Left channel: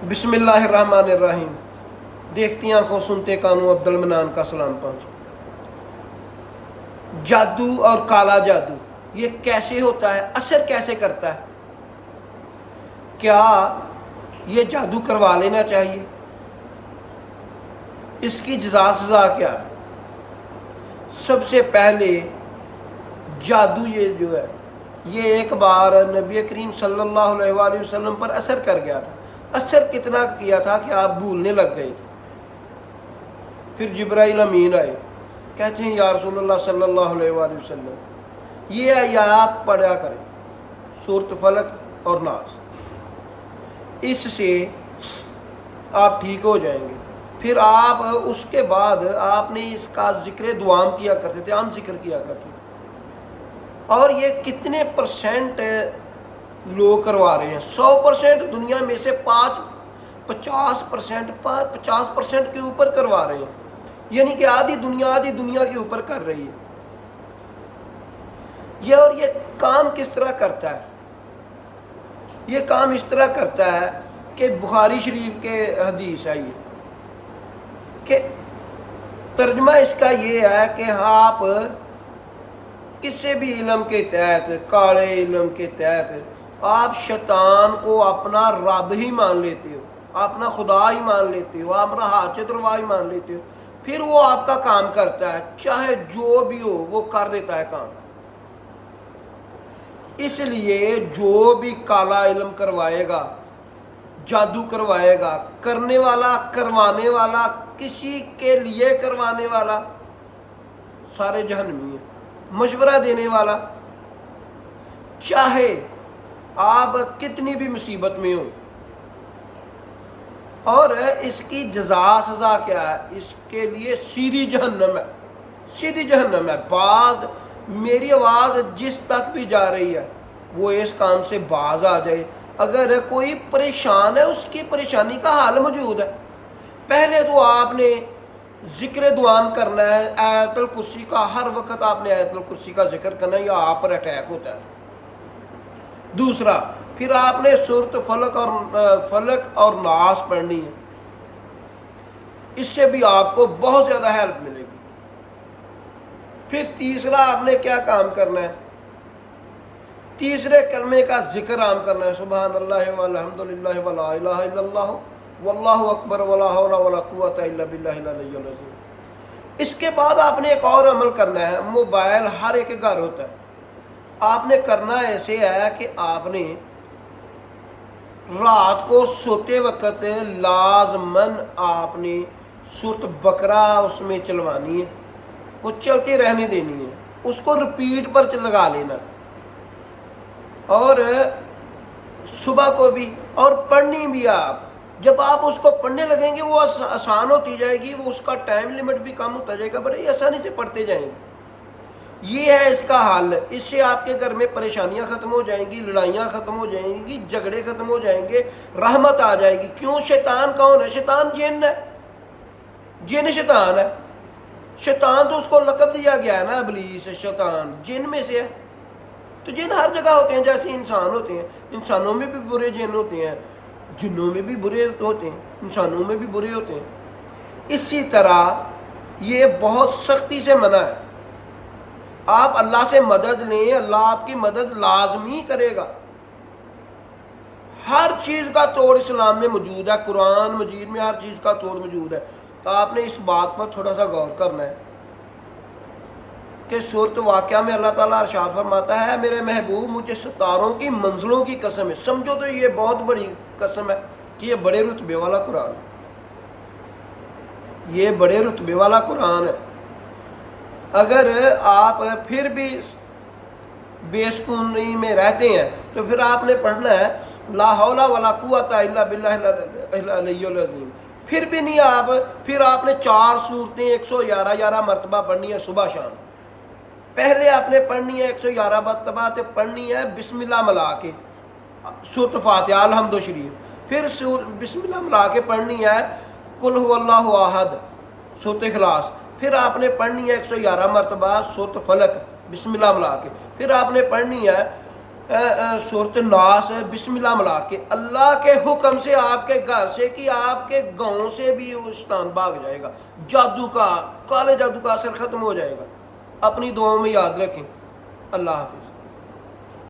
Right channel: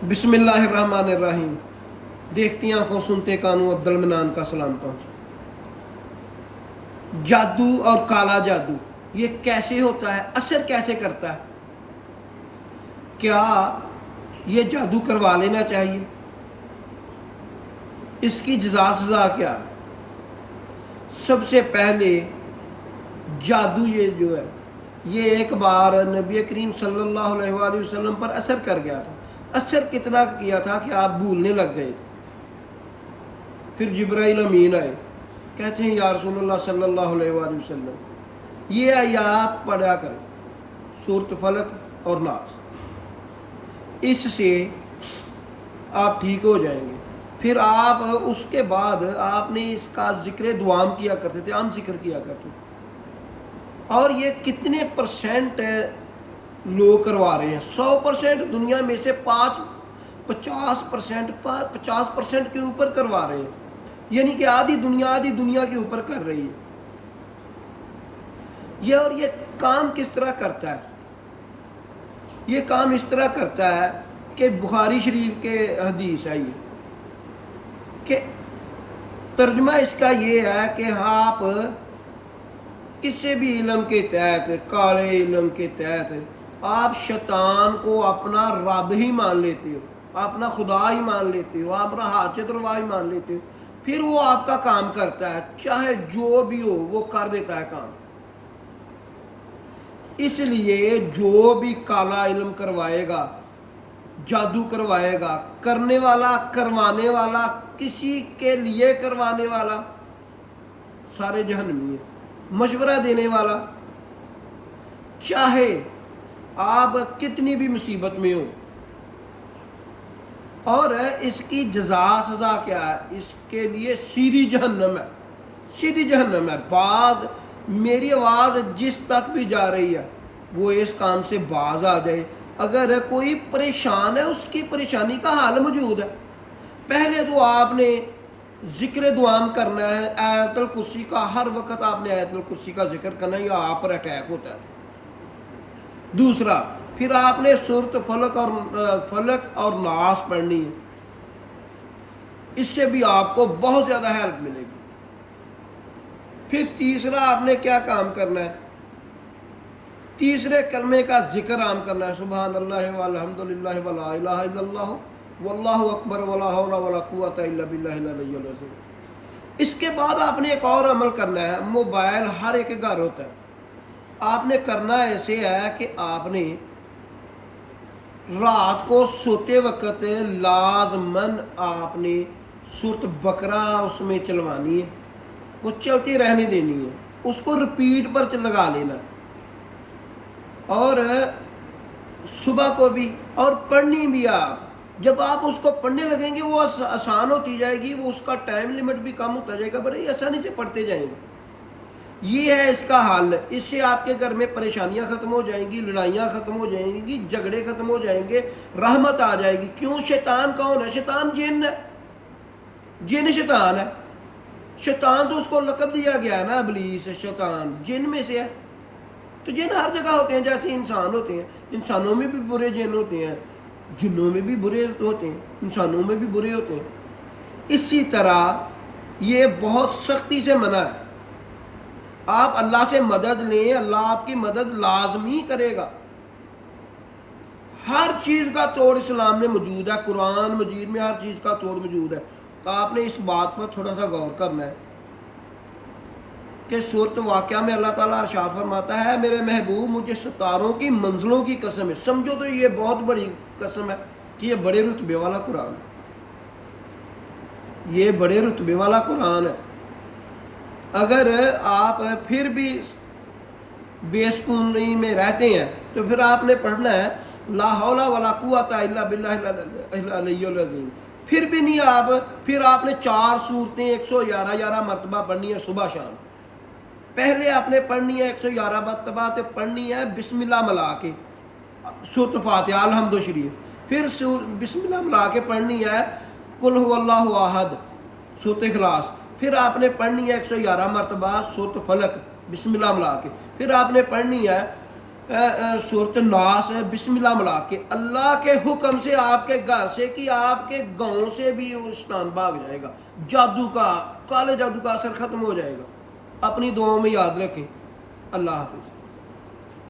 بسم اللہ الرحمن الرحیم۔ دیکھتی آنکھوں سنتے کانوں عبد المنان کا سلام پہنچو۔ جادو اور کالا جادو یہ کیسے ہوتا ہے، اثر کیسے کرتا ہے؟ کیا یہ جادو کروا لینا چاہیے؟ اس کی جزا سزا کیا ہے؟ سب سے پہلے جادو یہ جو ہے یہ ایک بار نبی کریم صلی اللہ علیہ وآلہ وسلم پر اثر کر گیا تھا۔ اثر کتنا کیا تھا کہ آپ بھولنے لگ گئے تھے۔ پھر جبرائیل امین آئے، کہتے ہیں یا رسول اللہ صلی اللہ علیہ وآلہ وسلم یہ آیات پڑھا کریں، سورۃ فلق اور ناس، اس سے آپ ٹھیک ہو جائیں گے۔ پھر آپ اس کے بعد آپ نے اس کا ذکر دوام کیا کرتے تھے، عام ذکر کیا کرتے تھے۔ اور یہ کتنے پرسنٹ لوگ کروا رہے ہیں؟ 100% دنیا میں سے 50% کے اوپر کروا رہے ہیں، یعنی کہ آدھی دنیا کے اوپر کر رہی ہے یہ۔ اور یہ کام کس طرح کرتا ہے؟ یہ کام اس طرح کرتا ہے کہ بخاری شریف کے حدیث ہے یہ کہ ترجمہ اس کا یہ ہے کہ آپ کسی بھی علم کے تحت، کالے علم کے تحت آپ شیطان کو اپنا رب ہی مان لیتے ہو، اپنا خدا ہی مان لیتے ہو، اپنا حاجت روا ہی مان لیتے ہو، پھر وہ آپ کا کام کرتا ہے، چاہے جو بھی ہو وہ کر دیتا ہے کام۔ اس لیے جو بھی کالا علم کروائے گا، جادو کروائے گا، کرنے والا، کروانے والا، کسی کے لیے کروانے والا، سارے جہنمی ہیں۔ مشورہ دینے والا، چاہے آپ کتنی بھی مصیبت میں ہو، اور اس کی جزا سزا کیا ہے؟ اس کے لیے سیدھی جہنم ہے، سیدھی جہنم ہے۔ بعض میری آواز جس تک بھی جا رہی ہے وہ اس کام سے باز آ جائے۔ اگر کوئی پریشان ہے، اس کی پریشانی کا حل موجود ہے۔ پہلے تو آپ نے ذکر دوام کرنا ہے، آیت الکرسی کا، ہر وقت آپ نے آیت الکرسی کا ذکر کرنا ہے، یا آپ پر اٹیک ہوتا ہے۔ دوسرا، پھر آپ نے سورۃ فلق اور ناس پڑھنی ہے، اس سے بھی آپ کو بہت زیادہ ہیلپ ملے گی۔ پھر تیسرا آپ نے کیا کام کرنا ہے؟ تیسرے کلمے کا ذکر عام کرنا ہے، سبحان اللہ والحمد للہ ولا الہ الا اللہ واللہ اکبر ولا حول ولا قوۃ الا باللہ العلی العظیم۔ اس کے بعد آپ نے ایک اور عمل کرنا ہے۔ موبائل ہر ایک گھر ہوتا ہے، آپ نے کرنا ایسے ہے کہ آپ نے رات کو سوتے وقت لازماً آپ نے سورۃ بقرہ اس میں چلوانی ہے، وہ چلتے رہنے دینی ہے، اس کو رپیٹ پر لگا لینا، اور صبح کو بھی، اور پڑھنی بھی آپ۔ جب آپ اس کو پڑھنے لگیں گے وہ آسان ہوتی جائے گی، وہ اس کا ٹائم لیمٹ بھی کم ہوتا جائے گا، بڑے آسانی سے پڑھتے جائیں گے۔ یہ ہے اس کا حل۔ اس سے آپ کے گھر میں پریشانیاں ختم ہو جائیں گی، لڑائیاں ختم ہو جائیں گی، جھگڑے ختم ہو جائیں گے، رحمت آ جائے گی۔ کیوں؟ شیطان کون ہے؟ شیطان جن ہے، جن شیطان ہے۔ شیطان تو اس کو لقب دیا گیا ہے نا، ابلیس، شیطان جن میں سے ہے۔ تو جن ہر جگہ ہوتے ہیں، جیسے انسان ہوتے ہیں، انسانوں میں بھی برے جن ہوتے ہیں، جنوں میں بھی برے ہوتے ہیں، انسانوں میں بھی برے ہوتے ہیں۔ اسی طرح یہ بہت سختی سے منع ہے۔ آپ اللہ سے مدد لیں، اللہ آپ کی مدد لازمی کرے گا۔ ہر چیز کا توڑ اسلام میں موجود ہے، قرآن مجید میں ہر چیز کا توڑ موجود ہے۔ تو آپ نے اس بات پر تھوڑا سا غور کرنا ہے کہ سورۃ واقعہ میں اللہ تعالیٰ ارشاد فرماتا ہے، میرے محبوب مجھے ستاروں کی منزلوں کی قسم ہے۔ سمجھو تو یہ بہت بڑی قسم ہے کہ یہ بڑے رتبے والا قرآن ہے، یہ بڑے رتبے والا قرآن ہے۔ اگر آپ پھر بھی بے سکونی میں رہتے ہیں تو پھر آپ نے پڑھنا ہے لا حول ولا قوۃ الا باللہ العلی العظیم۔ پھر بھی نہیں آپ، پھر آپ نے 4 سورتیں 111 مرتبہ پڑھنی ہے صبح شام۔ پہلے آپ نے پڑھنی ہے 111 مرتبہ تو پڑھنی ہے بسم اللہ ملا کے، سورۃ فاتحہ الحمد شریف۔ پھر بسم اللہ ملا کے پڑھنی ہے قل هو اللہ احد، سورۃ اخلاص۔ پھر آپ نے پڑھنی ہے 111 مرتبہ سورۃ فلق بسم اللہ ملا کے۔ پھر آپ نے پڑھنی ہے صورت ناس ہے بسم اللہ ملا کے اللہ کے حکم سے آپ کے گھر سے کہ آپ کے گاؤں سے بھی وہ شیطان بھاگ جائے گا، جادو کا، کالے جادو کا اثر ختم ہو جائے گا۔ اپنی دعاؤں میں یاد رکھیں۔ اللہ حافظ۔